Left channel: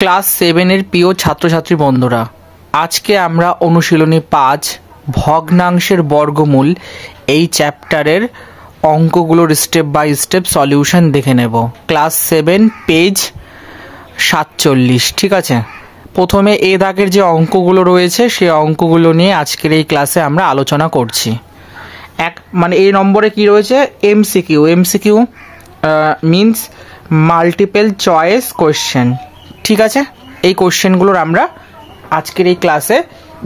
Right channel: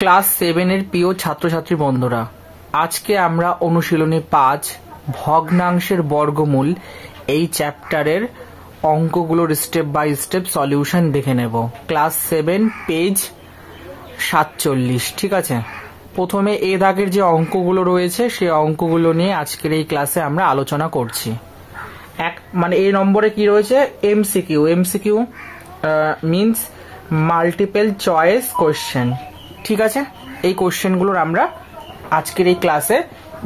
Class 7 এর প্রিয় ছাত্রছাত্রী বন্ধুরা, আজকে আমরা অনুশীলনী 5 ভগ্নাংশের বর্গমূল এই চ্যাপ্টারের অঙ্কগুলোর স্টেপ বাই স্টেপ সলিউশন দেখে নেব। Class 7 page 47। ঠিক আছে, প্রথমে এ দাগের যে অঙ্কগুলো রয়েছে সেই অঙ্কগুলো নিয়ে আজকের এই ক্লাসে আমরা আলোচনা করছি। এই নম্বরে কি রয়েছে? MCQ. MCQ means multiple choice question. ঠিক আছে, এই কোশ্চেনগুলোর আমরা আজকের এই ক্লাসে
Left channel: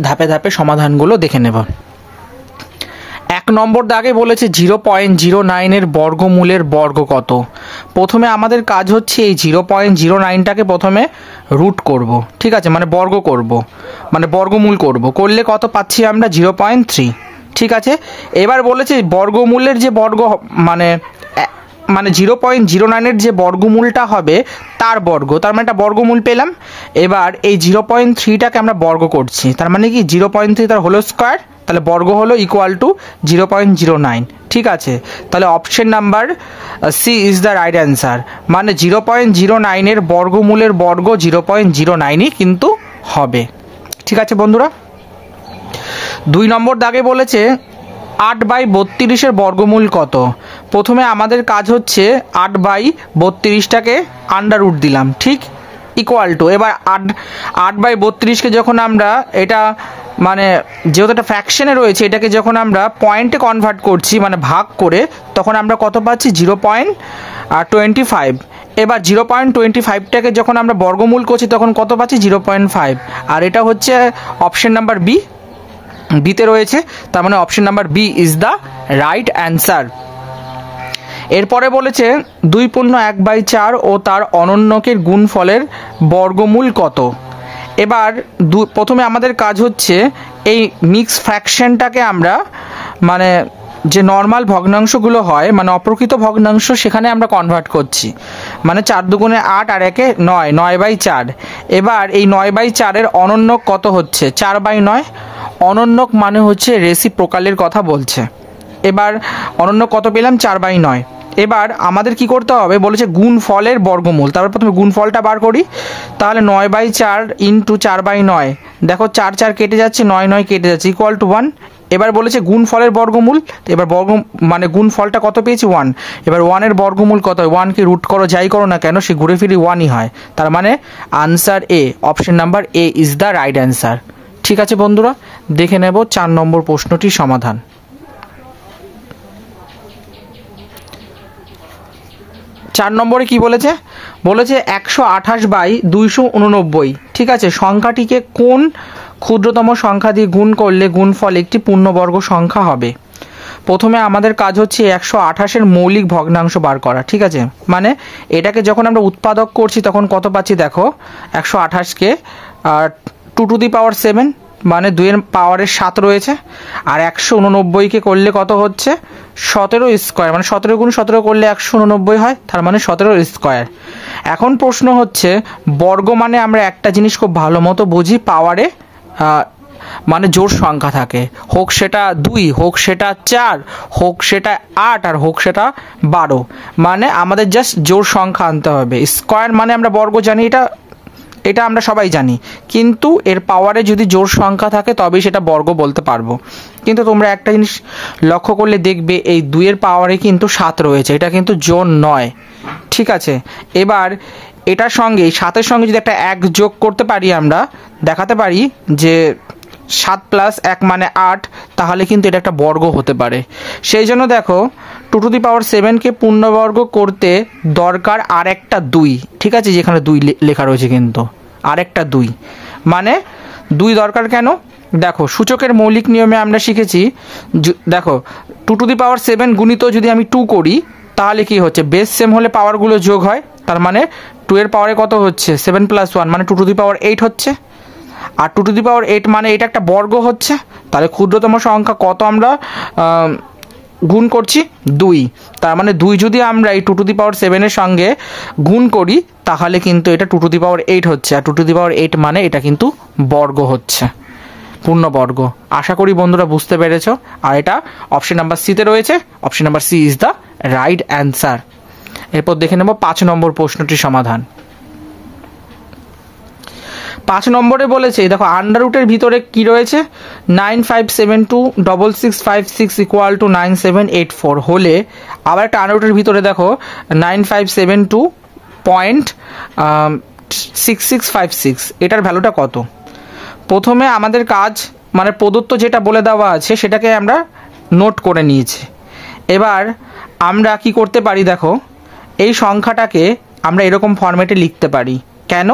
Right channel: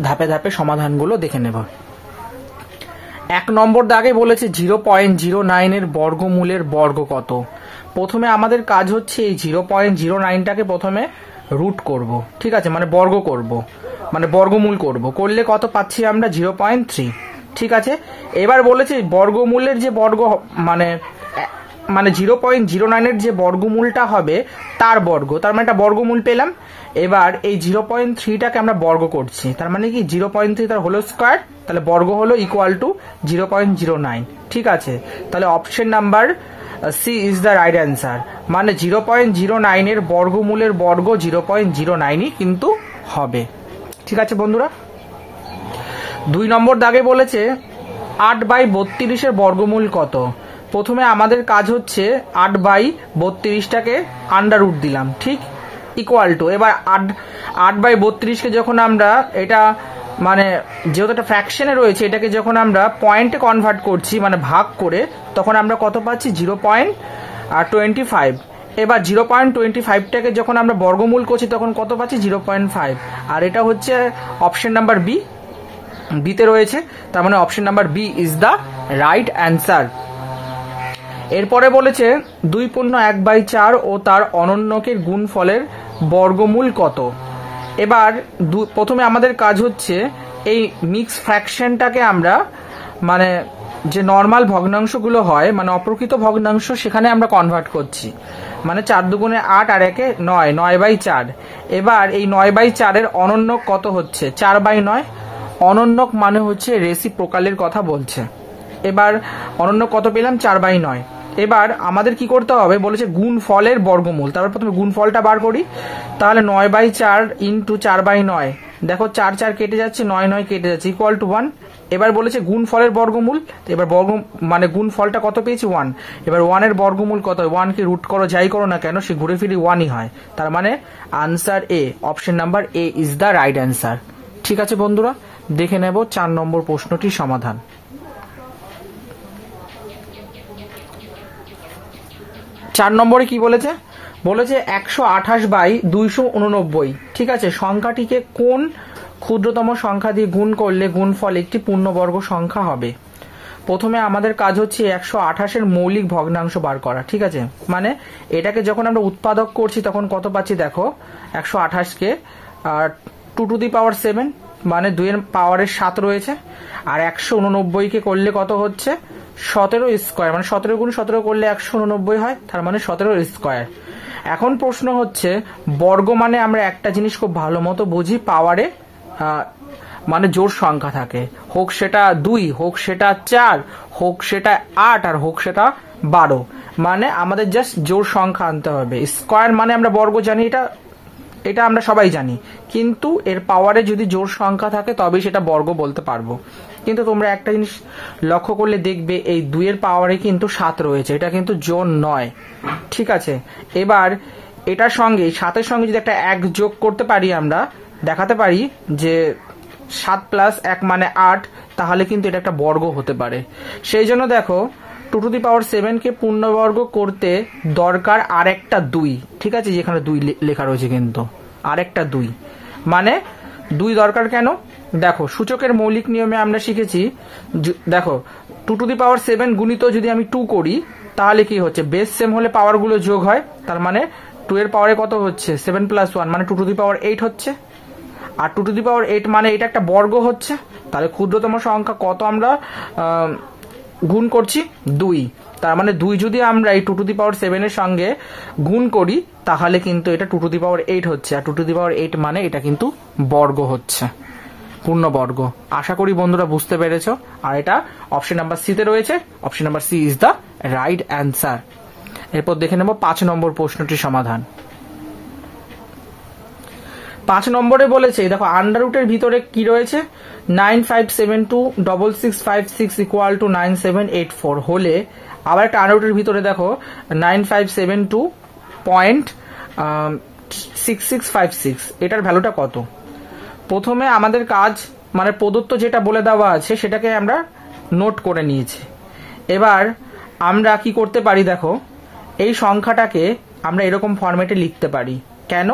ধাপে ধাপে সমাধানগুলো দেখে নেব। 1 নম্বর দাগে বলেছে 0.09 এর বর্গমূলের বর্গ কত। প্রথমে আমাদের কাজ হচ্ছে এই 0.09টাকে প্রথমে রুট করব। ঠিক আছে, বর্গ করব, বর্গমূল করব। করলে কত পাচ্ছি আমরা? 0.3। ঠিক আছে, এবার বলেছে বর্গমূলের যে বর্গ 0.09 এর যে বর্গমূলটা হবে তার বর্গ, তার একটা বর্গমূল পেলাম। এবার এই 0.3টাকে আমরা বর্গ করছি, তার মানে কি 0.3 তার হোল স্কোয়ার, তাহলে বর্গ হলো ইকুয়াল টু 0.09। ঠিক আছে, তাহলে option number C is the right answer. 0.09 এর বর্গমূলের বর্গ 0.09ই কিন্তু হবে। ঠিক আছে বন্ধুরা, 2 নম্বর দাগে বলেছে 8/32 এর বর্গমূল কত। প্রথমে আমাদের কাজ হচ্ছে 8/32টাকে আন্ডার রুট দিলাম, ঠিক, ইকুয়াল টু। এবার 8/32কে যখন আমরা এটা যেহেতু একটা ফ্র্যাকশনে রয়েছে, এটাকে যখন আমরা পয়েন্টে কনভার্ট করছি ভাগ করে, তখন আমরা কত পাচ্ছি? 0.25। এবার 0.25টাকে যখন আমরা বর্গমূল করছি তখন কত পাচ্ছি? 0.5। আর এটা হচ্ছে অপশন নাম্বার বিতে রয়েছে, তার মানে option number B is the right answer. এরপরে বলেছে 2.1/4 ও তার অনন্যকের গুণফলের বর্গমূল কত। এবার প্রথমে আমাদের কাজ হচ্ছে এই মিক্স ফ্র্যাকশনটাকে আমরা যে নর্মাল ভগ্নাংশগুলো হয় অপ্রকৃত ভগ্নাংশ, সেখানে আমরা কনভার্ট করছি। 4 দুগুণে 8 আর 1 9, 9/4। এবার এই 9/4 অনন্যক কত হচ্ছে? 4/9। অনন্যক হচ্ছে রেসিপ্রোকালের কথা বলছে। এবার অনন্য কত পেলাম? 4/9। এবার আমাদের কি করতে হবে? বলেছে গুণফলের বর্গমূল। তারপর প্রথমে গুণফলটা বার করি, তাহলে 9/4 ইন্টু 4/9। দেখো 4 4 কেটে যাচ্ছে, 9 9 কেটে যাচ্ছে, ইকুয়াল টু 1। এবার বলেছে গুণফলের বর্গমূল। এবার গুণফলটা কত পেয়েছি? 1। এবার 1-এর বর্গমূল কত হয়? 1কে রুট করো, যাই করো না কেন, সে ঘুরে ফিরে 1ই হয়। তার answer A, option number A is the right answer. ঠিক আছে বন্ধুরা, দেখে নেব 4 নম্বর প্রশ্নটির সমাধান। 4 নম্বরে কি বলেছে? বলেছে 128/289। ঠিক আছে, সংখ্যাটিকে কোন ক্ষুদ্রতম সংখ্যা দিয়ে গুণ করলে গুণফল একটি পূর্ণবর্গ সংখ্যা হবে। প্রথমে আমাদের কাজ হচ্ছে 128-এর মৌলিক ভগ্নাংশ বার করা। ঠিক আছে, এটাকে যখন আমরা উৎপাদক করছি তখন কত পাচ্ছি? দেখো 128কে 2 টু দি পাওয়ার 7, 2-এর পাওয়ারের 7 রয়েছে। আর 189কে করলে কত হচ্ছে? 17 স্কোয়ার, 17 গুণ 17 করলে 189 হয়, তার 17 স্কোয়ার। এখন প্রশ্ন হচ্ছে বর্গ আমরা একটা জিনিস খুব ভালো মতো বুঝি, পাওয়ারে জোড় সংখ্যা থাকে, হোক সেটা 2, হোক সেটা 4, হোক সেটা 8, আর হোক সেটা 12। আমাদের জাস্ট জোড় সংখ্যা আনতে হবে। স্কোয়ার আমরা বর্গ জানি, এটা আমরা সবাই জানি, কিন্তু এর পাওয়ারে যদি জোড় সংখ্যা থাকে তবেই সেটা বর্গ বলতে পারবো। কিন্তু তোমরা একটা জিনিস লক্ষ্য করলে দেখবে এই 2-এর পাওয়ারে কিন্তু 7 রয়েছে, এটা কিন্তু জোড় নয়। ঠিক আছে, এবার এটার সঙ্গে 7-এর সঙ্গে যদি একটা 1 যোগ করতে পারি, আমরা দেখাতে পারি যে 7 + 1 8, তাহলে কিন্তু এটা একটা বর্গ হতে পারে। সেই জন্য দেখো 2 টু দি পাওয়ার 7কে পূর্ণবর্গ করতে দরকার আর একটা 2। ঠিক আছে, যেখানে 2 লেখা রয়েছে কিন্তু আর একটা 2, 2 দরকার কেন? দেখো সূচকের মৌলিক নিয়মে আমরা শিখেছি, দেখো 2 টু দি পাওয়ার 7 গুণিত যদি আমি 2 করি, তাহলে কি হচ্ছে? বেস সেম হলে পাওয়ারগুলো যোগ হয়, তার 2-এর পাওয়ারে কত হচ্ছে? 7 + 1 2 টু দি পাওয়ার 8 হচ্ছে। আর 2 টু দি পাওয়ার 8 এটা একটা বর্গ হচ্ছে। তাহলে ক্ষুদ্রতম সংখ্যা কত আমরা গুণ করছি? 2। তার 2 যদি আমরা এই 2 টু দি পাওয়ার 7-এর সঙ্গে গুণ করি, তাহলে কিন্তু এটা 2 টু দি পাওয়ার 8 হচ্ছে। আর 2 টু দি পাওয়ার 8 এটা কিন্তু বর্গ হচ্ছে, পূর্ণবর্গ। আশা করি বন্ধুরা বুঝতে পেরেছ। আর এটা অপশন নাম্বার সিতে রয়েছে, option number C is the right answer. এরপর দেখে নেব 5 নম্বর প্রশ্নটির সমাধান। 5 নম্বরে বলেছে দেখো আন্ডার রুটের ভিতরে কি রয়েছে 95726656 ইকুয়াল টু 9784 হলে আবার একটা আন্ডার রুটের ভিতরে দেখো 9572.6656 এটার ভ্যালুটা কত। প্রথমে আমাদের কাজ মানে প্রদত্ত যেটা বলে দেওয়া আছে সেটাকে আমরা নোট করে নিয়েছি। এবার আমরা কি করতে পারি দেখো এই সংখ্যাটাকে আমরা এরকম ফরম্যাটে লিখতে পারি। কেন?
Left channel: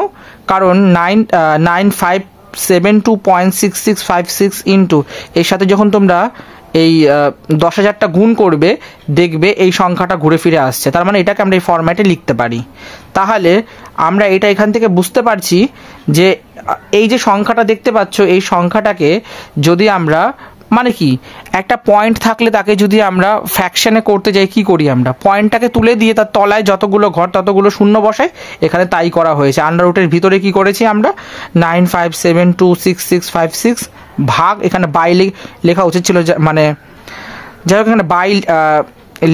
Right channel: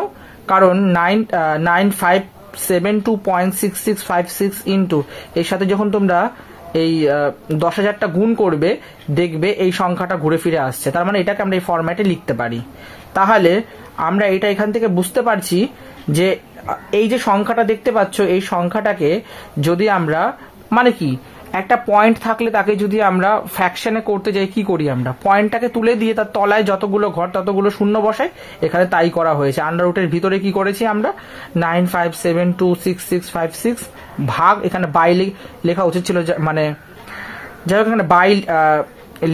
কারণ 9572.6656 ইন্টু এর সাথে যখন তোমরা এই 10,000টা গুণ করবে দেখবে এই সংখ্যাটা ঘুরে ফিরে আসছে, তার মানে এটাকে আমরা এই ফরম্যাটে লিখতে পারি। তাহলে আমরা এটা এখান থেকে বুঝতে পারছি যে এই যে সংখ্যাটা দেখতে পাচ্ছ এই সংখ্যাটাকে যদি আমরা মানে কি একটা পয়েন্ট থাকলে তাকে যদি আমরা ফ্র্যাকশনে করতে যাই কি করি আমরা পয়েন্টটাকে তুলে দিয়ে তার তলায় যতগুলো ঘর ততগুলো শূন্য বসাই, এখানে তাই করা হয়েছে। আন্ডার রুটের ভিতরে কি করেছি আমরা 95726656 ভাগ এখানে বাই লেখা উচিত ছিল মানে যাই হোক এখানে বাই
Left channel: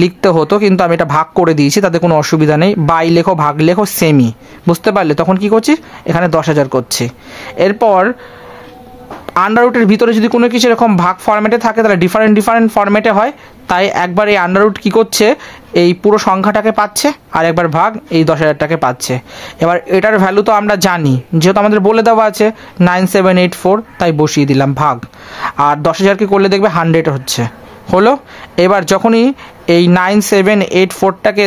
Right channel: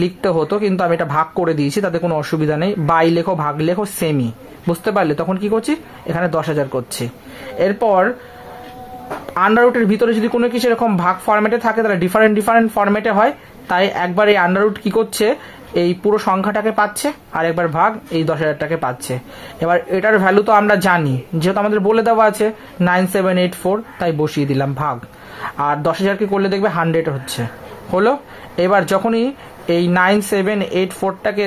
লিখতে হতো কিন্তু আমি এটা ভাগ করে দিয়েছি, তাতে কোনো অসুবিধা নেই। বাই লেখো ভাগ লেখো সেমি, বুঝতে পারলে? তখন কি করছি এখানে 10,000 করছি। এরপর আন্ডার রুটের ভিতরে যদি কোনো কিছু এরকম ভাগ ফরম্যাটে থাকে তাহলে ডিফারেন্ট ফরম্যাটে হয়, তাই একবার এই আন্ডার রুট কী করছে এই পুরো সংখ্যাটাকে পাচ্ছে আর একবার ভাগ এই 10,000টাকে পাচ্ছে। এবার এটার ভ্যালু তো আমরা জানি যেহেতু আমাদের বলে দেওয়া আছে 9784, তাই বসিয়ে দিলাম ভাগ, আর 10,000কে করলে দেখবে 100 হচ্ছে হলো। এবার যখনই এই 9784টাকে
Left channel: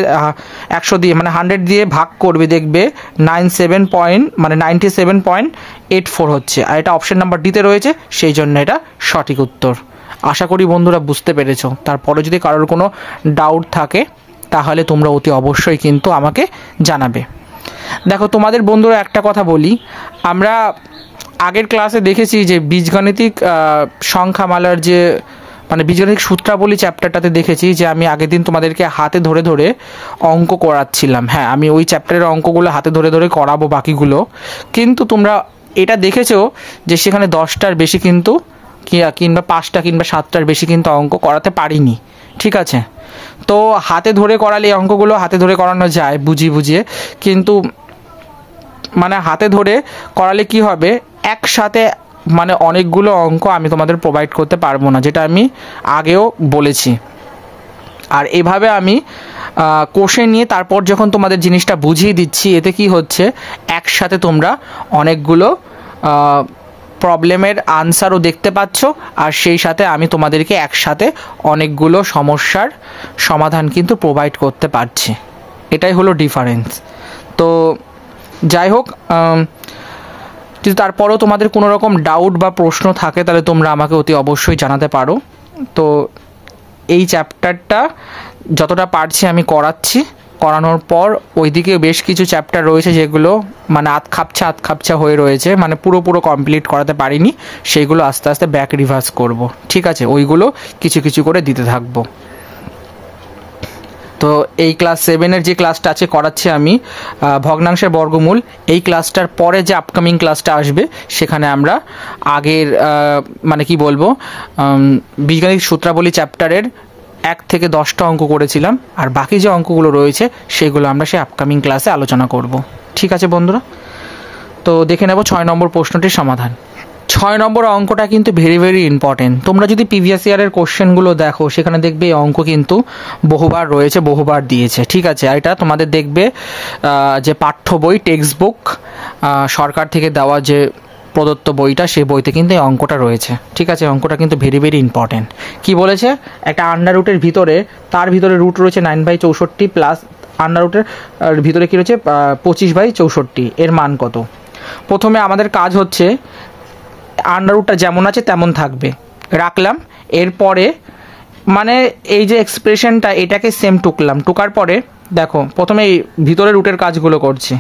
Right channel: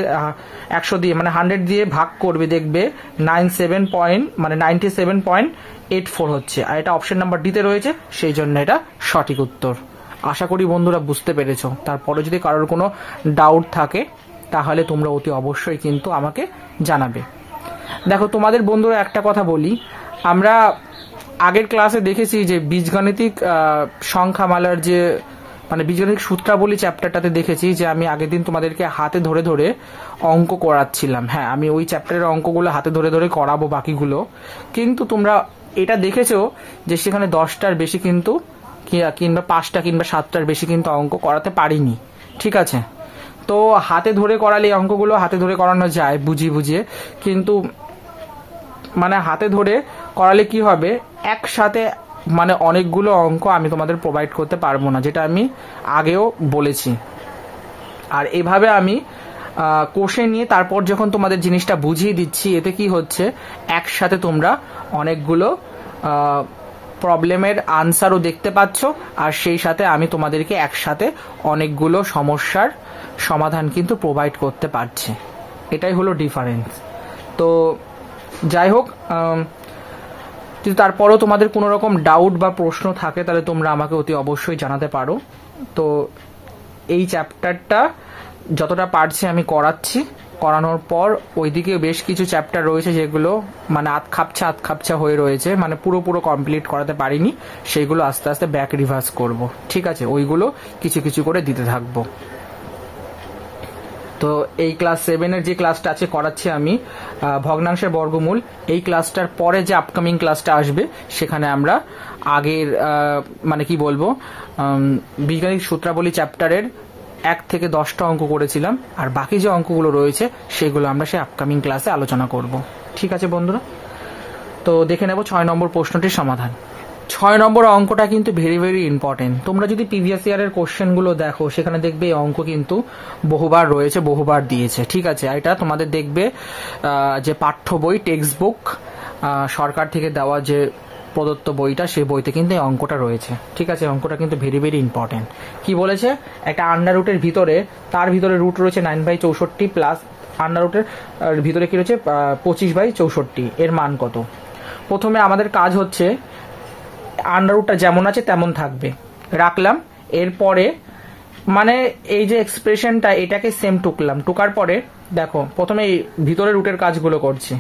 100 দিয়ে মানে 100 দিয়ে ভাগ করবে দেখবে 97.84 হচ্ছে, আর এটা অপশন নাম্বার ডিতে রয়েছে, সেই জন্য এটা সঠিক উত্তর। আশা করি বন্ধুরা বুঝতে পেরেছো। তারপরে যদি কারোর কোনো ডাউট থাকে তাহলে তোমরা অতি অবশ্যই কিন্তু আমাকে জানাবে। দেখো তোমাদের বন্ধুরা একটা কথা বলি, আমরা আগের ক্লাসে দেখেছি যে বীজগাণিতিক সংখ্যামালার যে মানে বীজগাণিতিক সূত্রাবলী চ্যাপ্টারটাতে দেখেছি যে আমি আগের দিন তোমাদেরকে হাতে ধরে ধরে অঙ্ক করাচ্ছিলাম। হ্যাঁ, আমি ওই চ্যাপ্টারের অঙ্কগুলো হাতে ধরে ধরে করাবো বাকিগুলো, কিন্তু তোমরা এটা দেখেছো যে সেখানে 10টার বেশি কিন্তু কিংবা 5টা কিংবা 7টার বেশি কিন্তু অঙ্ক করাতে পারিনি, ঠিক আছে? তো হাতে ধরে করালে এই অঙ্কগুলো হাতে ধরে করানো যায় বুঝিয়ে, কিন্তু মানে হাতে ধরে করালে কি হবে একসাথে মানে অনেকগুলো অঙ্ক আমি তোমাদের প্রোভাইড করতে পারবো না, যেটা আমি আগেও বলেছি। আর এভাবে আমি কোশ্চেন নিয়ে তারপর যখন তোমাদের জিনিসটা বুঝিয়ে দিচ্ছি এতে কি হচ্ছে একসাথে তোমরা অনেকগুলো প্রবলেমের আনসারও দেখতে পাচ্ছ, আর সেই সাথে আমি তোমাদেরকে একসাথে অনেকগুলো সমস্যার সমাধান কিন্তু প্রোভাইড করতে পারছি। এটাই হলো ডিফারেন্স। তো যাই হোক, যদি তারপরেও তোমাদের কোনো রকম ডাউট বা প্রশ্ন থাকে তাহলে তোমরা আমাকে অতি অবশ্যই জানাতে পারো। তো এই চ্যাপ্টারটা যতটা পারছি আমি করাচ্ছি, করানোর পর ওইদিকে বেশ কিছু চ্যাপ্টার রয়েছে যেগুলো মানে আধ খাপছা হয়ে রয়েছে, মানে পুরো কমপ্লিট করাতে পারিনি, সেইগুলো আস্তে আস্তে ব্যাক রিভার্স করব, ঠিক আছে? ওইগুলো কিছু করে দিতে থাকবো। তো এই ক্লাস 7-এর যে ক্লাসটা আছে করাচ্ছি আমি ভগ্নাংশের বর্গমূল, এই ক্লাসটার পরে যে আপকামিং ক্লাসটা আসবে সেখানে আমরা আগের মানে কি বলবো বীজগাণিতিক সূত্রাবলী চ্যাপ্টারের 1 থেকে 10টা অঙ্ক করেছিলাম, আর বাকি যে অঙ্কগুলো রয়েছে সেগুলো আমরা সেই আপকামিং ক্লাসে আলোচনা করব, ঠিক আছে বন্ধুরা? তো দেখে নেব 6 নম্বর প্রশ্নটির সমাধান। 6 নম্বর অঙ্কটা কিন্তু ভেরি ইম্পর্টেন্ট। তোমরা যদি প্রিভিয়াস ইয়ারের কোশ্চেনগুলো দেখো সেখানে দেখবে এই অঙ্ক কিন্তু বহুবার রয়েছে, বহুবার দিয়েছে, ঠিক আছে? আর এটা তোমাদের দেখবে যে পাঠ্য বই টেক্সট বুক সরকার থেকে দেওয়া যে প্রদত্ত বইটা সেই বইতে কিন্তু এই অঙ্কটা রয়েছে, ঠিক আছে? অঙ্কটা কিন্তু ভেরি ইম্পর্টেন্ট। কি বলেছে একটা আন্ডার রুটের ভিতরে তার ভিতরে রুট রয়েছে 9/64 প্লাস আন্ডার রুটের ভিতরে কী রয়েছে 25/64, এর মান কত? প্রথমে আমাদের কাজ হচ্ছে আন্ডার রুটটা যেমন আছে তেমন থাকবে, রাখলাম। এরপরে মানে এই যে এক্সপ্রেশনটা এটাকে সেম টুকার পরে দেখো প্রথমে এই ভিতরে রুটের কাজগুলো করছি।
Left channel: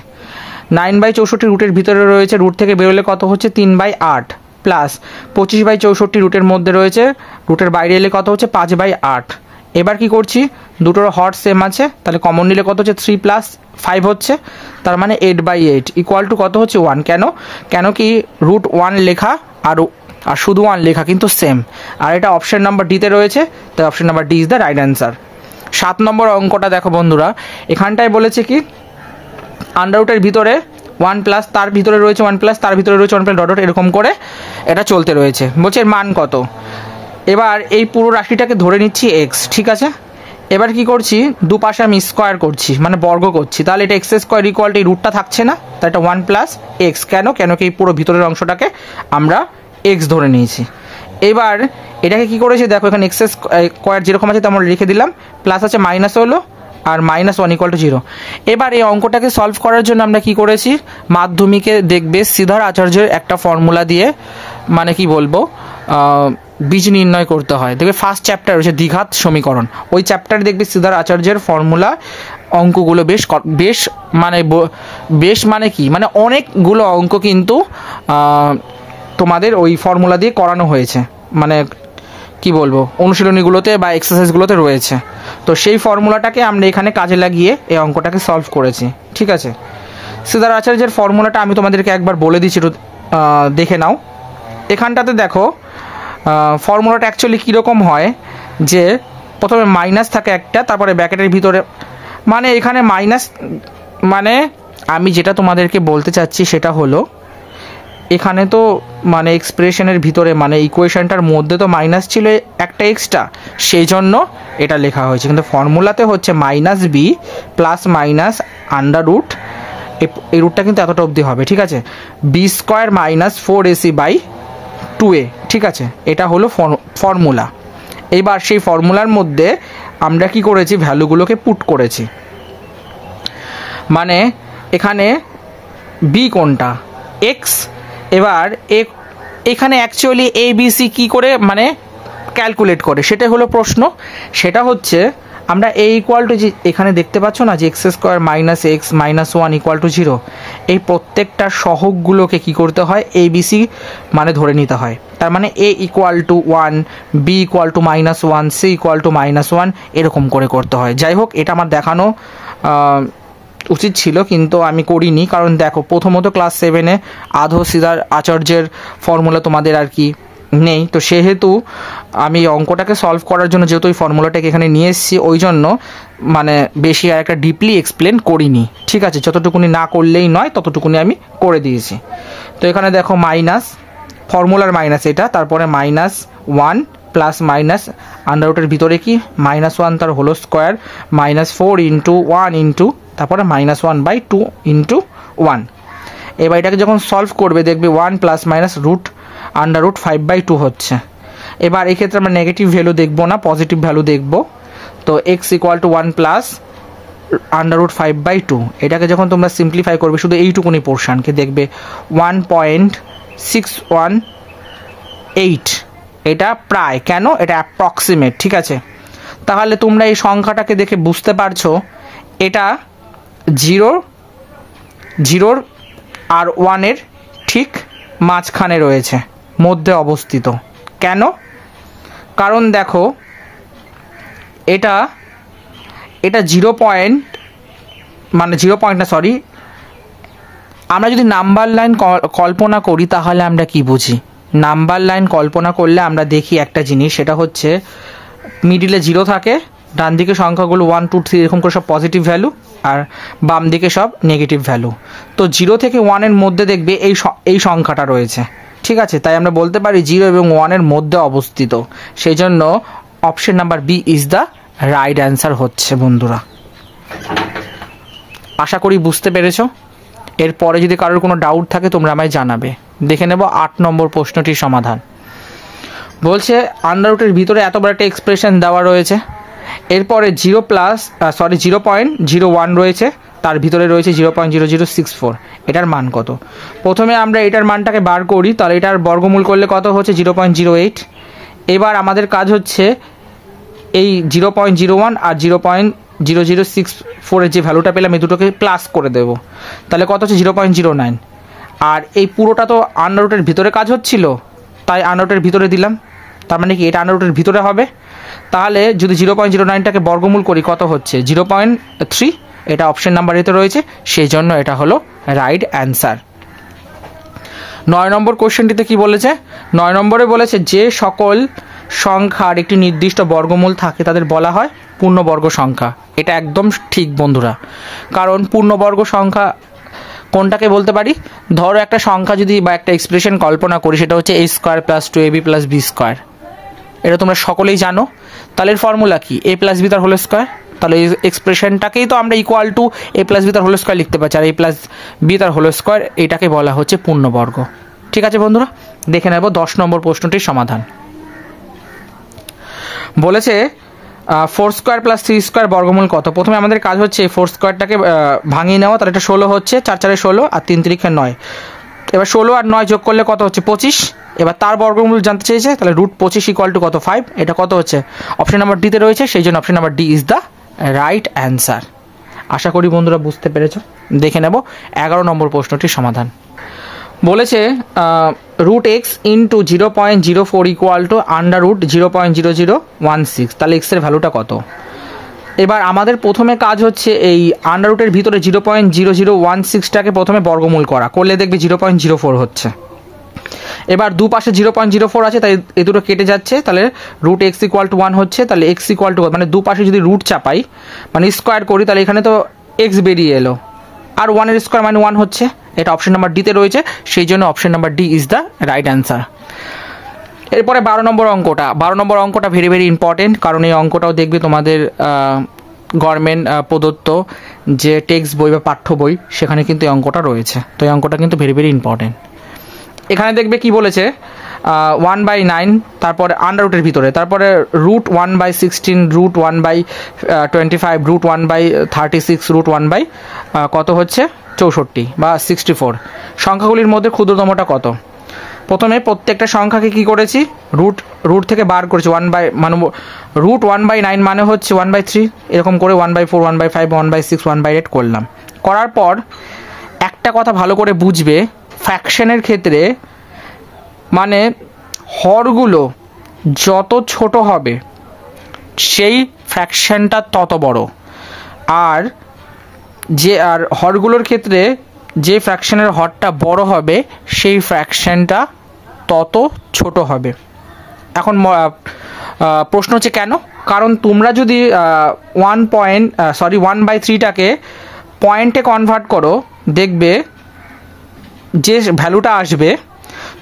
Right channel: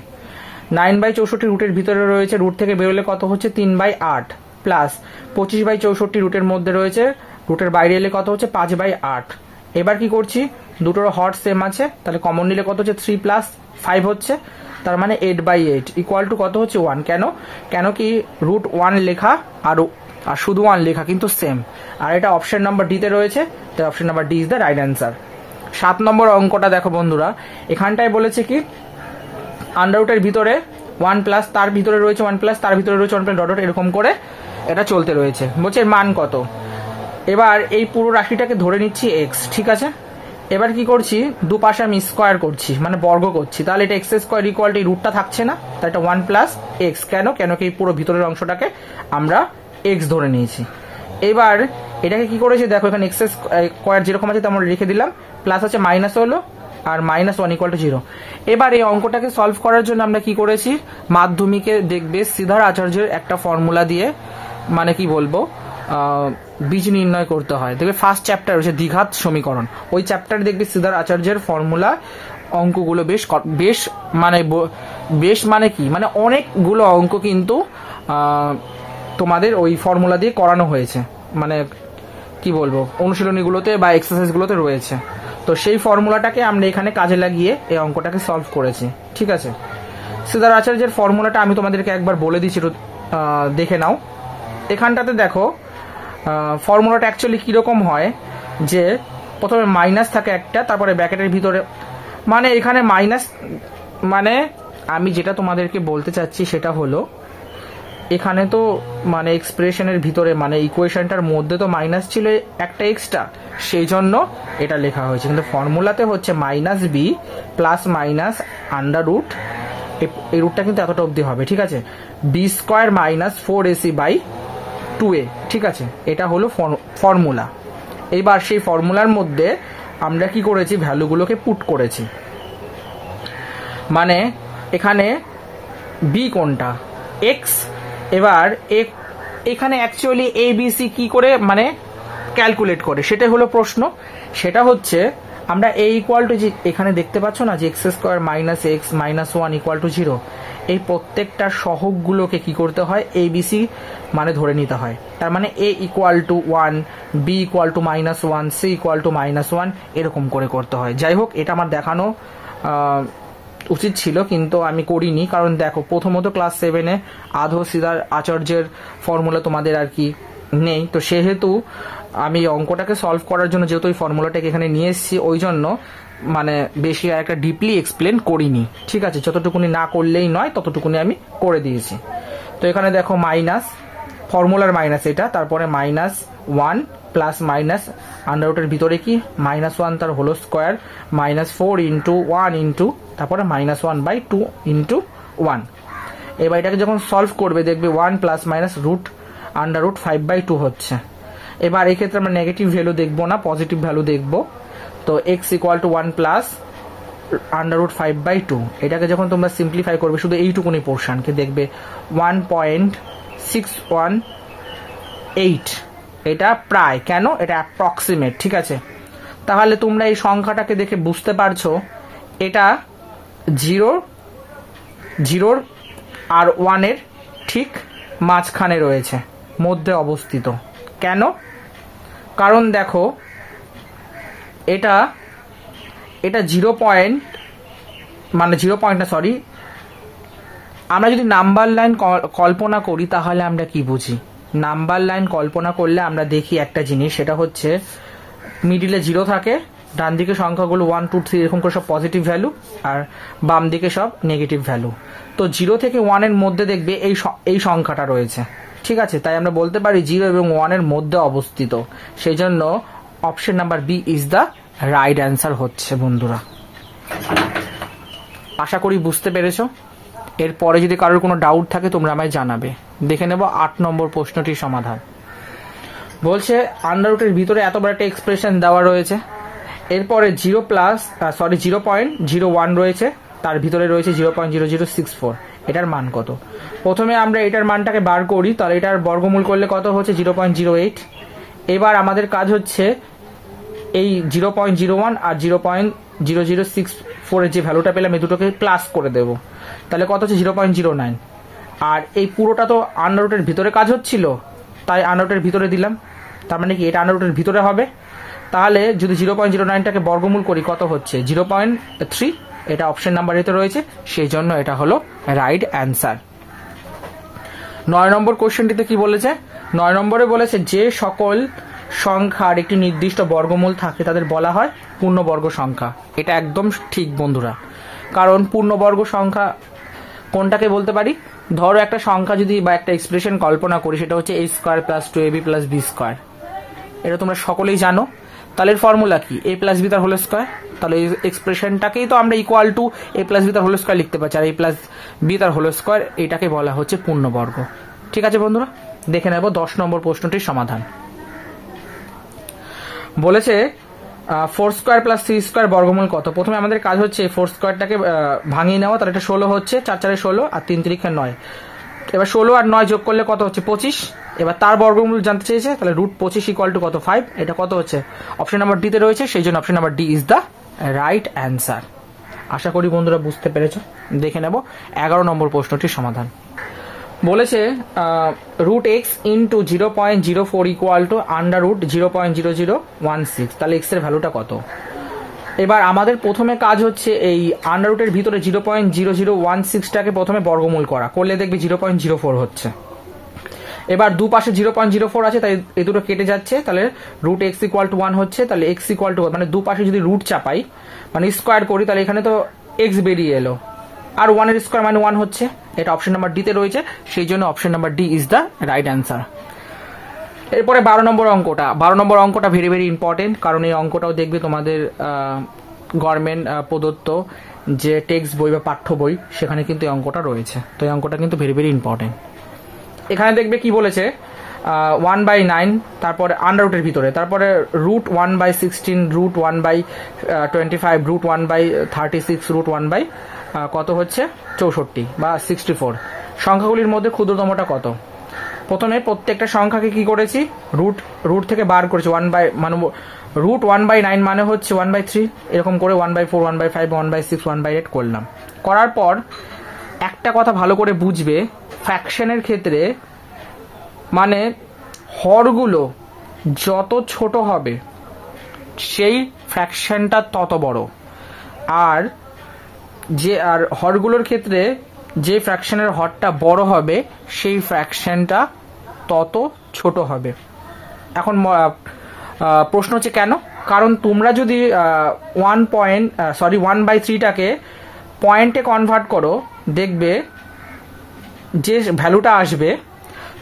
9/64 রুটের ভিতরে রয়েছে, রুট থেকে বেরোলে কত হচ্ছে 3/8 প্লাস 25/64 রুটের মধ্যে রয়েছে, রুটের বাইরে এলে কত হচ্ছে 5/8। এবার কি করছি দুটোর হর সেম আছে, তাহলে কমন নিলে কত হচ্ছে 3 + 5 হচ্ছে, তার মানে 8/8 ইকুয়াল টু কত হচ্ছে 1। কেন কি রুট 1 লেখা আর শুধু 1 লেখা কিন্তু সেম, আর এটা অপশন নাম্বার ডিতে রয়েছে, তাই option number D is the right answer. 7 নম্বর অঙ্কটা দেখো বন্ধুরা, এখানটায় বলেছে কি আন্ডার রুটের ভিতরে 1 প্লাস তার ভিতরে রয়েছে 1 প্লাস তার ভিতরে রয়েছে 1 প্লাস ডট ডট এরকম করে এটা চলতে রয়েছে। বলছে এর মান কত। এবার এই পুরো রাশিটাকে ধরে নিচ্ছি এক্স, ঠিক আছে। এবার কি করছি, দুপাশে আমি স্কোয়ার করছি মানে বর্গ করছি, তাহলে এটা এক্স স্কোয়ার ইকুয়াল টু এই রুটটা থাকছে না, তাই এটা 1 প্লাস এক্স। কেন কি এই পুরো ভিতরের অংশটাকে আমরা এক্স ধরে নিয়েছি। এবার এটাকে কি করেছি দেখো, এখানে এক্স স্কোয়ার যেরকম আছে তেমন লিখে দিলাম, প্লাস আছে মাইনাস হলো আর -1 ইকুয়াল টু 0। এবার এই অঙ্কটাকে সলভ করার জন্য আমরা কি করেছি, মাধ্যমিকে দেখবে শ্রীধর আচার্যের একটা ফর্মুলা দিয়ে মানে কি বলবো বীজ নির্ণয় করতে হয়। দেখবে ফার্স্ট চ্যাপ্টার হচ্ছে দ্বিঘাত সমীকরণ, ওই চ্যাপ্টারে দেখবে শ্রীধর আচার্যের ফর্মুলা অঙ্কগুলো বেশ মানে কি মানে অনেকগুলো অঙ্ক কিন্তু তোমাদের ওই ফর্মুলা দিয়ে করানো হয়েছে, মানে কি বলবো অনুশীলনীগুলোতে বা এক্সারসাইজগুলোতে রয়েছে। তো সেই ফর্মুলাটাকে আমরা এখানে কাজে লাগিয়ে এই অঙ্কটাকে সলভ করেছি, ঠিক আছে। শ্রীধর আচার্যের ফর্মুলাটা আমি তোমাদেরকে একবার বলে দিচ্ছি, একটু দেখে নাও। এখানটাতে দেখো ফর্মুলাটা অ্যাকচুয়ালি কীরকম হয়, যে প্রথমে মাইনাস থাকে একটা, তারপরে ব্র্যাকেটের ভিতরে মানে এখানে মাইনাস, মানে আমি যেটা তোমাদেরকে বলতে চাচ্ছি সেটা হলো এখানে তো মানে এক্সপ্রেশনের ভিতরে মানে ইকুয়েশনটার মধ্যে তো মাইনাস ছিল একটা এক্সট্রা, সেই জন্য এটা লেখা হয়েছে। কিন্তু ফর্মুলাতে হচ্ছে -b plus minus under root, এই রুটটা কিন্তু এতটা অবধি হবে, ঠিক আছে, b² - 4ac/2a, ঠিক আছে। এটা হলো ফর্মুলা। এবার সেই ফর্মুলার মধ্যে আমরা কি করেছি, ভ্যালুগুলোকে পুট করেছি। মানে এখানে b কোনটা, x। এবার এখানে অ্যাকচুয়ালি ABC কি করে মানে ক্যালকুলেট করে সেটা হলো প্রশ্ন। সেটা হচ্ছে আমরা a ইকুয়াল টু, যে এখানে দেখতে পাচ্ছ না যে x² - x - 1 ইকুয়াল টু 0, এই প্রত্যেকটা সহগগুলোকে কি করতে হয়, ABC মানে ধরে নিতে হয়। তার মানে a equal to 1, b equal to -1, c equal to -1 এরকম করে করতে হয়। যাই হোক, এটা আমার দেখানো উচিত ছিল কিন্তু আমি করিনি, কারণ দেখো প্রথমত ক্লাস 7-এ আধো শ্রীধর আচার্যের ফর্মুলা তোমাদের আর কি নেই, তো সেহেতু আমি অঙ্কটাকে সলভ করার জন্য যেহেতু ওই ফর্মুলাটাকে এখানে নিয়ে এসেছি, ওই জন্য মানে বেশি আর একটা ডিপলি এক্সপ্লেন করিনি, ঠিক আছে। যতটুকুনি না করলেই নয় ততটুকুনি আমি করে দিয়েছি। তো এখানে দেখো মাইনাস, ফর্মুলার মাইনাস এটা, তারপরে -1 প্লাস মাইনাস আন্ডার রুটের ভিতরে কি -1 তার হোল স্কোয়ার -4 ইন্টু 1 ইন্টু তারপরে -1/2 ইন্টু 1। এবার এটাকে যখন সলভ করবে দেখবে 1 plus minus root under root 5/2 হচ্ছে। এবার এক্ষেত্রে আমরা নেগেটিভ ভ্যালু দেখবো না, পজিটিভ ভ্যালু দেখব। তো x equal to 1 plus under root 5/2, এটাকে যখন তোমরা সিম্পলিফাই করবে শুধু এইটুকুনি পোর্শনকে দেখবে 1.618, এটা প্রায়, কেন এটা অ্যাপ্রক্সিমেট, ঠিক আছে। তাহলে তোমরা এই সংখ্যাটাকে দেখে বুঝতে পারছো এটা 0 আর 1-এর ঠিক মাঝখানে রয়েছে, মধ্যে অবস্থিত। কেন, কারণ দেখো এটা 0 পয়েন্ট মানে 0 পয়েন্ট না, সরি, আমরা যদি নাম্বার লাইন কল্পনা করি তাহলে আমরা কি বুঝি, নাম্বার লাইন কল্পনা করলে আমরা দেখি একটা জিনিস, সেটা হচ্ছে মিডিলে 0 থাকে, ডান দিকে সংখ্যাগুলো 1 2 3 এরকম করে সব পজিটিভ ভ্যালু, আর বাম দিকে সব নেগেটিভ ভ্যালু। তো 0 থেকে 1-এর মধ্যে দেখবে এই সংখ্যাটা রয়েছে, ঠিক আছে। তাই আমরা বলতে পারি 0 এবং 1-এর মধ্যে অবস্থিত, সেই জন্য option number B is the right answer হচ্ছে বন্ধুরা। আশা করি বুঝতে পেরেছো। এরপরে যদি কারোর কোনো ডাউট থাকে তোমরা আমায় জানাবে। দেখে নেব 8 নম্বর প্রশ্নটির সমাধান। বলছে আন্ডার রুটের ভিতরে এত বড় একটা এক্সপ্রেশন দেওয়া রয়েছে, এরপরে 0.01 রয়েছে, তার ভিতরে রয়েছে 0.0064, এটার মান কত। প্রথমে আমরা এটার মানটাকে বার করি, তাহলে এটার বর্গমূল করলে কত হচ্ছে 0.08। এবার আমাদের কাজ হচ্ছে এই 0.01 আর 0.0064-এর যে ভ্যালুটা পেলাম এই দুটোকে প্লাস করে দেব, তাহলে কত হচ্ছে 0.09। আর এই পুরোটা তো আন্ডার রুটের ভিতরে কাজ হচ্ছিল, তাই আন্ডার রুটের ভিতরে দিলাম, তার মানে কি এটা আন্ডার রুটের ভিতরে হবে। তাহলে যদি 0.09টাকে বর্গমূল করি কত হচ্ছে 0.3, এটা অপশন নাম্বার এতে রয়েছে, সেই জন্য এটা হলো রাইট অ্যান্সার। 9 নম্বর কোশ্চেনটিতে কি বলেছে, 9 নম্বরে বলেছে যে সকল সংখ্যার একটি নির্দিষ্ট বর্গমূল থাকে তাদের বলা হয় পূর্ণবর্গ সংখ্যা। এটা একদম ঠিক বন্ধুরা, কারণ পূর্ণবর্গ সংখ্যা কোনটাকে বলতে পারি? ধরো একটা সংখ্যা যদি বা একটা এক্সপ্রেশন কল্পনা করি, সেটা হচ্ছে a square plus 2ab plus b square. এটা তোমরা সকলেই জানো। তাহলে এর ফর্মুলা কি? a প্লাস b তার হোল স্কোয়ার। তাহলে এই এক্সপ্রেশনটাকেই তো আমরা equal to a plus b তার হোল স্কোয়ার লিখতে পারছি, আর a প্লাস b তার হোল স্কোয়ার এটাকে বলা হচ্ছে পূর্ণবর্গ। ঠিক আছে বন্ধুরা, দেখে নেব 10 নম্বর প্রশ্নটির সমাধান। বলেছে 4 স্কোয়ার প্লাস 3 স্কোয়ার বর্গমূল কত? প্রথমে আমাদের কাজ হচ্ছে 4 স্কোয়ারটাকে ভাঙিয়ে নেওয়া। তাহলে এটা 16 হচ্ছে, 4 4 16 আর 3 3 9। এবার 16 আর 9 যোগ করলে কত হচ্ছে? 25। এবার তার বর্গমূল জানতে চেয়েছে, তাহলে √25 ইকুয়াল টু কত? 5। এটা কত হচ্ছে? অপশন নাম্বার ডিতে রয়েছে, সেই জন্য option number D is the right answer. আশা করি বন্ধুরা বুঝতে পেরেছো। দেখে নেব 11 নম্বর প্রশ্নটির সমাধান। বলেছে √x ইন্টু 0.04 ইকুয়াল টু √0.0016। তাহলে এক্স এর ভ্যালুটা কত? এবার আমাদের প্রথমে কাজ হচ্ছে এই আন্ডাররুটের ভিতরে 0.0016টাকে প্রথমে বর্গমূল করা, করলে দেখবে 0.04 হচ্ছে। এবার দুপাশে 0.04 আছে, তাই এ দুটো কেটে যাচ্ছে, তাহলে √x ইকুয়াল টু 1 হচ্ছে। তাহলে x ইকুয়াল টু, মানে দুপাশে যদি রুট চাপাই মানে স্কোয়ার করি, তাহলে এখানে তো x বেরিয়ে এলো, আর 1 এর স্কোয়ার মানে 1 হচ্ছে। এটা অপশন নাম্বার ডিতে রয়েছে, সেই জন্য option number D is the right answer. এরপরে 12 নম্বর অঙ্কটা। 12 নম্বর অঙ্কটা ভেরি ভেরি ইম্পর্টেন্ট, কারণ এই অঙ্কটাও দেখবে তোমাদের গভর্নমেন্ট প্রদত্ত যে টেক্সট বই বা পাঠ্য বই, সেখানে কিন্তু এই অঙ্কটা রয়েছে। তো এই অঙ্কটা কিন্তু ভেরি ভেরি ইম্পর্টেন্ট। এখানে দেখবে কি বলেছে, 1/9, তারপরে আন্ডাররুটের ভিতরে, তারপরে √1/16, √1/25, √1/36, √1/ কত হচ্ছে? 64 বা 64। সংখ্যাগুলির মধ্যে ক্ষুদ্রতমটা কত? প্রথমে প্রত্যেকটা সংখ্যাকে কি করেছি? রুট থেকে বার করেছি। 1/মানে √1/9 মানে হচ্ছে 1/3, এরকম করে 1/4, 1/5, 1/6, 1/8 করলাম। করার পর একটা কথা ভালো করে বুঝবে, ফ্র্যাকশনের ক্ষেত্রে মানে হরগুলো যত ছোট হবে সেই ফ্র্যাকশনটা তত বড়, আর হরগুলোর ক্ষেত্রে যে ফ্র্যাকশনের হরটা বড় হবে সেই ফ্র্যাকশনটা তত ছোট হবে। এখন প্রশ্ন হচ্ছে কেন? কারণ তোমরা যদি 1/3টাকে পয়েন্টে কনভার্ট করো, দেখবে যে ভ্যালুটা আসবে,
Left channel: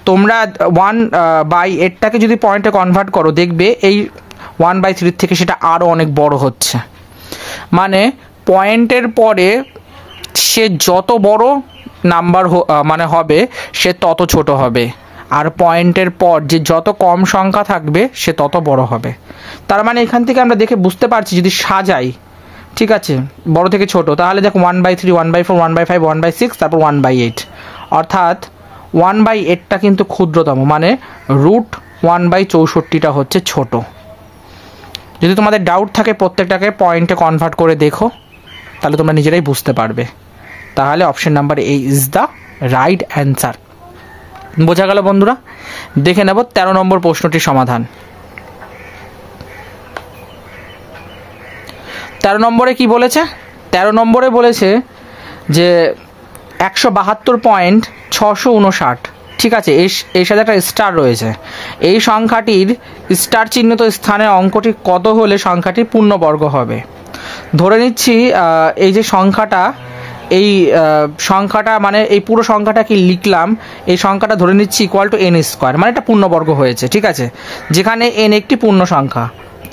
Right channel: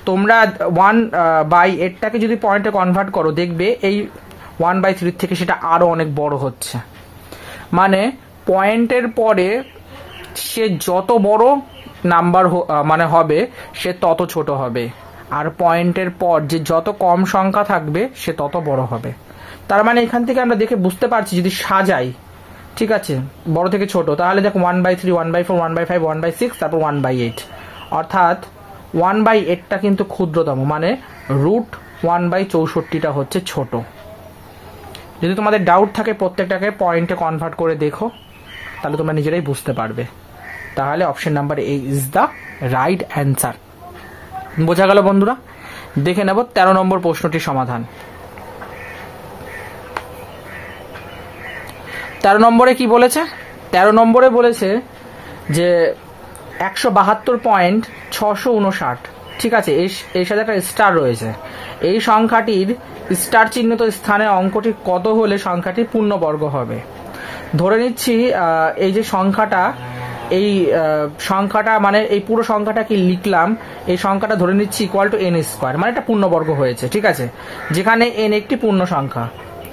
তোমরা 1/8টাকে যদি পয়েন্টে কনভার্ট করো, দেখবে এই 1/3 থেকে সেটা আরও অনেক বড় হচ্ছে। মানে পয়েন্টের পরে সে যত বড় নাম্বার মানে হবে, সে তত ছোট হবে, আর পয়েন্টের পর যে যত কম সংখ্যা থাকবে সে তত বড় হবে। তার মানে এখান থেকে আমরা দেখে বুঝতে পারছি, যদি সাজাই, ঠিক আছে, বড় থেকে ছোট, তাহলে দেখো 1/3, 1/4, 1/5, 1/6, তারপর 1/8, অর্থাৎ 1/8টা কিন্তু ক্ষুদ্রতম, মানে √1/64টা হচ্ছে ছোট। যদি তোমাদের ডাউট থাকে প্রত্যেকটাকে পয়েন্টে কনভার্ট করে দেখো, তাহলে তোমরা নিজেরাই বুঝতে পারবে। তাহলে option number A is the right answer. বোঝা গেল বন্ধুরা? দেখে নেব 13 নম্বর প্রশ্নটির সমাধান। 13 নম্বরে কি বলেছে? 13 নম্বরে বলেছে যে 172.659, ঠিক আছে, এর সাথে একটা স্টার রয়েছে। এই সংখ্যাটির স্টার চিহ্নিত স্থানে অঙ্কটি কত হলে সংখ্যাটির পূর্ণবর্গ হবে? ধরে নিচ্ছি এই যে সংখ্যাটা মানে এই পুরো সংখ্যাটা কি লিখলাম, এই সংখ্যাটা ধরে নিচ্ছি ইকুয়াল টু n স্কোয়ার, মানে এটা পূর্ণবর্গ হয়েছে, ঠিক আছে, যেখানে n একটি পূর্ণ সংখ্যা।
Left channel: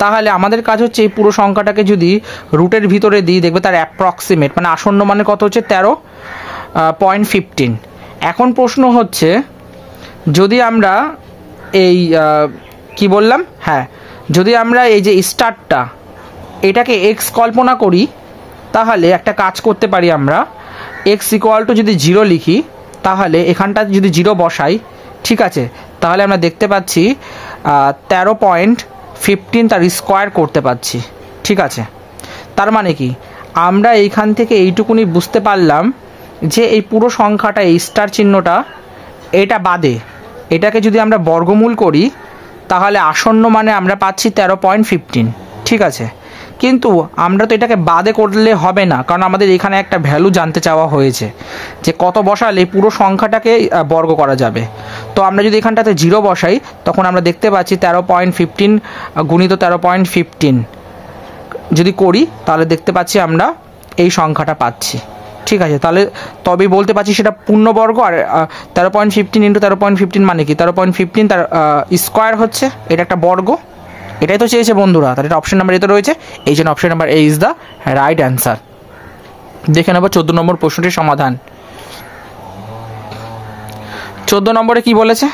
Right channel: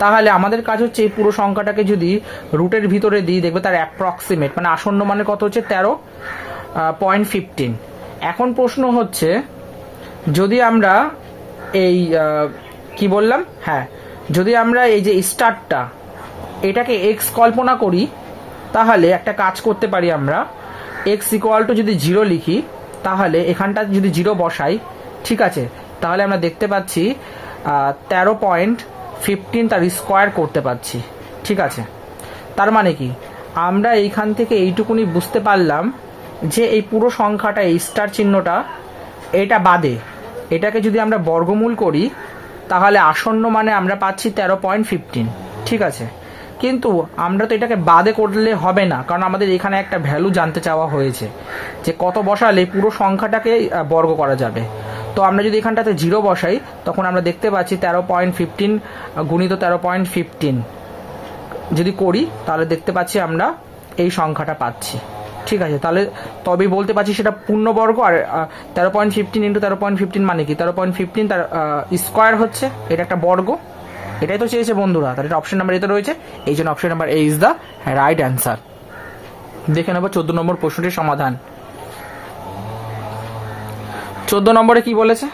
তাহলে আমাদের কাজ হচ্ছে এই পুরো সংখ্যাটাকে যদি রুটের ভিতরে দিই, দেখবে তার অ্যাপ্রক্সিমেট মানে আসন্ন মানে কত হচ্ছে? 13.15। এখন প্রশ্ন হচ্ছে, যদি আমরা এই কি বললাম, হ্যাঁ, যদি আমরা এই যে স্টারটা এটাকে এক্স কল্পনা করি, তাহলে একটা কাজ করতে পারি আমরা, এক্স ইকুয়াল টু যদি 0 লিখি, তাহলে এখানটা যদি 0 বসাই, ঠিক আছে, তাহলে আমরা দেখতে পাচ্ছি 13.15 তার স্কোয়ার করতে পারছি, ঠিক আছে। তার মানে কি, আমরা এইখান থেকে এইটুকুনি বুঝতে পারলাম যে এই পুরো সংখ্যাটা, এই স্টার চিহ্নটা, এটা বাদে এটাকে যদি আমরা বর্গমূল করি, তাহলে আসন্ন মানে আমরা পাচ্ছি 13.15, ঠিক আছে। কিন্তু আমরা তো এটাকে বাদে করলে হবে না, কারণ আমাদের এখানে একটা ভ্যালু জানতে চাওয়া হয়েছে যে কত বসালে পুরো সংখ্যাটাকে বর্গ করা যাবে। তো আমরা যদি এখানটাতে 0 বসাই, তখন আমরা দেখতে পাচ্ছি 13.15 গুণিত 13.15 যদি করি, তাহলে দেখতে পাচ্ছি আমরা এই সংখ্যাটা পাচ্ছি, ঠিক আছে, তাহলে তবেই বলতে পারছি সেটা পূর্ণবর্গ। আর 13.15 ইন্টু 13.15 মানে কি 13.15 তার স্কোয়ার হচ্ছে, এটা একটা বর্গ। এটাই তো চেয়েছে বন্ধুরা, তাহলে এটা অপশন নাম্বার এতে রয়েছে, এই জন্য option number A is the right answer. দেখে নেব 14 নম্বর প্রশ্নটির সমাধান। 14 নম্বরে কি বলেছে?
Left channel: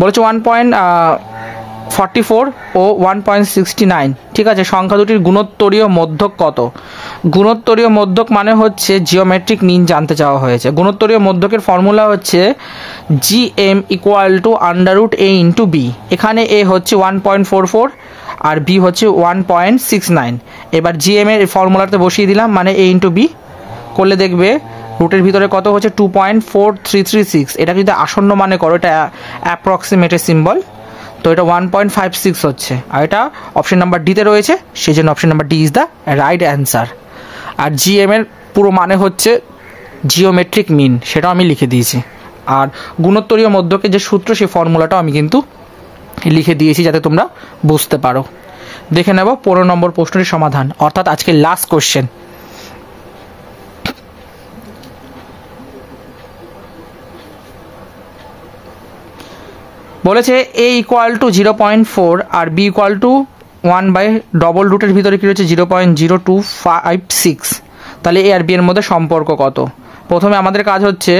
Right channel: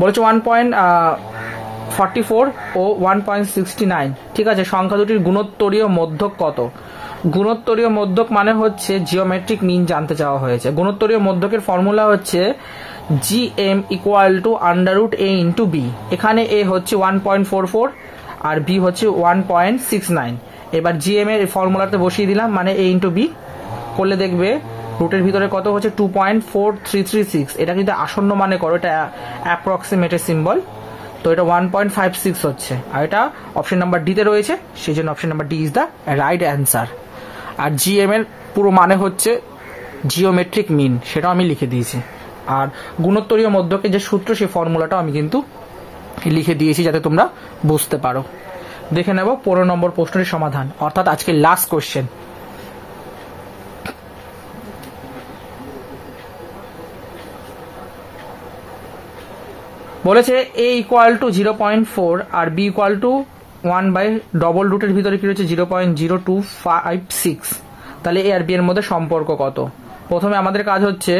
বলেছে 1.44 ও 1.69। ঠিক আছে, সংখ্যা দুটির গুণোত্তরীয় মধ্যক কত? গুণোত্তরীয় মধ্যক মানে হচ্ছে জিওমেট্রিক মিন জানতে চাওয়া হয়েছে। গুণোত্তরীয় মধ্যকের ফর্মুলা হচ্ছে GM = a ইন্টু বি। এখানে এ হচ্ছে 1.44 আর বি হচ্ছে 1.69। এবার GM এর ফর্মুলাতে বসিয়ে দিলাম, মানে a ইন্টু বি করলে দেখবে রুটের ভিতরে কত হচ্ছে 2.4336। এটা যদি আসন্ন মানে করো, এটা অ্যাপ্রক্সিমেটের সিম্বল, তো এটা 1.56 হচ্ছে। আর এটা অপশন নাম্বার ডিতে রয়েছে, সেই জন্য option number D is the right answer. আর GM এর পুরো মানে হচ্ছে জিওমেট্রিক মিন, সেটাও আমি লিখে দিয়েছি। আর গুণোত্তরীয় মধ্যকের যে সূত্র, সেই ফর্মুলাটাও আমি কিন্তু লিখে দিয়েছি যাতে তোমরা বুঝতে পারো। দেখে নেব 15 নম্বর প্রশ্নটির সমাধান, অর্থাৎ আজকে লাস্ট কোশ্চেন। বলেছে a = 0.4 আর b = 1 বাই ডবল রুটের ভিতরে কী রয়েছে 0.0256। তাহলে a আর b এর মধ্যে সম্পর্ক কত? প্রথমে আমাদের কাজ হচ্ছে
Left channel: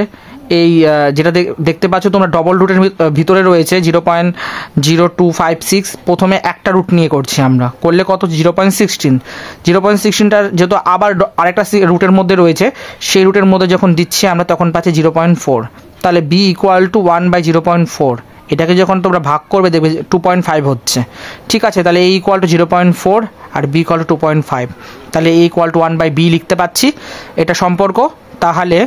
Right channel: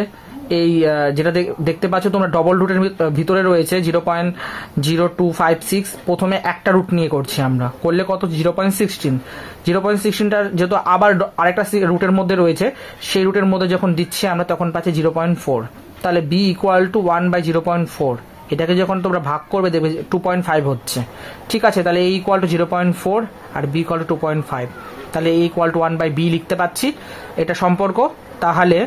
এই যেটা দেখতে পাচ্ছ তোমরা, ডবল রুটের ভিতরে রয়েছে 0.0256। প্রথমে একটা রুট নিয়ে করছি আমরা, করলে কত 0.16। 0.16টার যেহেতু আবার আরেকটা রুটের মধ্যে রয়েছে, সেই রুটের মধ্যে যখন দিচ্ছি আমরা তখন পাচ্ছি 0.4। তাহলে b = 1 বাই 0.4। এটাকে যখন তোমরা ভাগ করবে দেখবে 2.5 হচ্ছে। ঠিক আছে, তাহলে a = 0.4 আর b = 2.5। তাহলে a = 1 বাই b লিখতে পাচ্ছি, এটা সম্পর্ক। তাহলে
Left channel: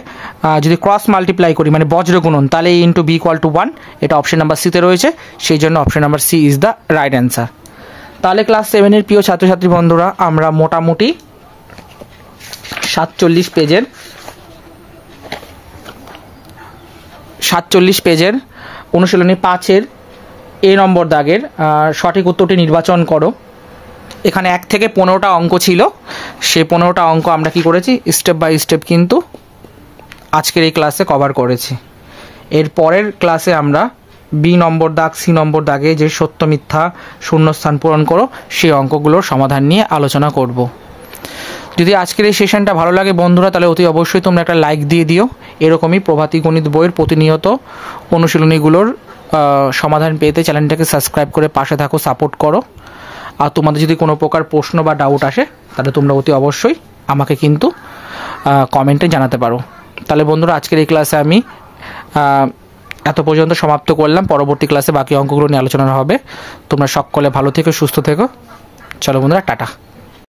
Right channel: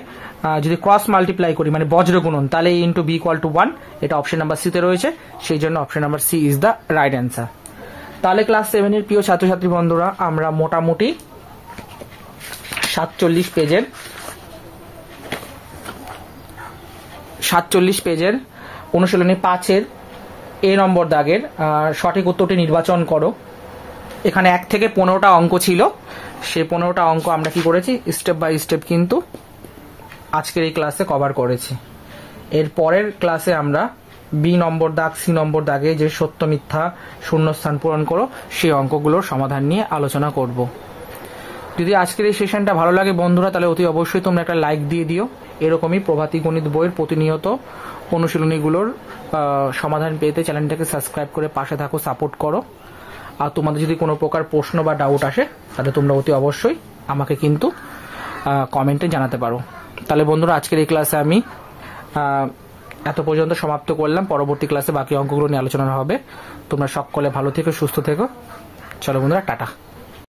যদি ক্রস মাল্টিপ্লাই করি মানে বজ্র গুণন, তাহলে a ইন্টু b = 1। এটা অপশন নাম্বার সিতে রয়েছে, সেই জন্য option number C is the right answer. তাহলে ক্লাস 7-এর প্রিয় ছাত্রছাত্রী বন্ধুরা, আমরা মোটামুটি 47 পেজের অনুশীলনী 5-এর এ নম্বর দাগের সঠিক উত্তরটি নির্বাচন করো। এখানে 1 থেকে 15টা অঙ্ক ছিল, সেই 15টা অঙ্ক আমরা কি করেছি, স্টেপ বাই স্টেপ কিন্তু আজকের এই ক্লাসে কভার করেছি। এর পরের ক্লাসে আমরা বি নম্বর দাগ, সি নম্বর দাগে যে সত্য মিথ্যা শূন্যস্থান পূরণ করো, সেই অঙ্কগুলোর সমাধান নিয়ে আলোচনা করব। যদি আজকের এই সেশনটা ভালো লাগে বন্ধুরা, তাহলে অতি অবশ্যই তোমরা একটা লাইক দিয়ে দিও। এরকমই প্রভাতী গণিত বইয়ের প্রতিনিয়ত অনুশীলনীগুলোর সমাধান পেতে চ্যানেলটাকে সাবস্ক্রাইব করে পাশে থাকো, সাপোর্ট করো। আর তোমাদের যদি কোনো প্রকার প্রশ্ন বা ডাউট আসে, তাহলে তোমরা অতি অবশ্যই আমাকে কিন্তু কমেন্টে জানাতে পারো। তাহলে বন্ধুরা, আজকের এই ক্লাসে আমি এত পর্যন্ত সমাপ্ত করলাম। পরবর্তী ক্লাসে বাকি অঙ্কগুলো নিয়ে আলোচনা হবে। তোমরা সকলে ভালো থেকো, সুস্থ থেকো। চলো বন্ধুরা, টাটা।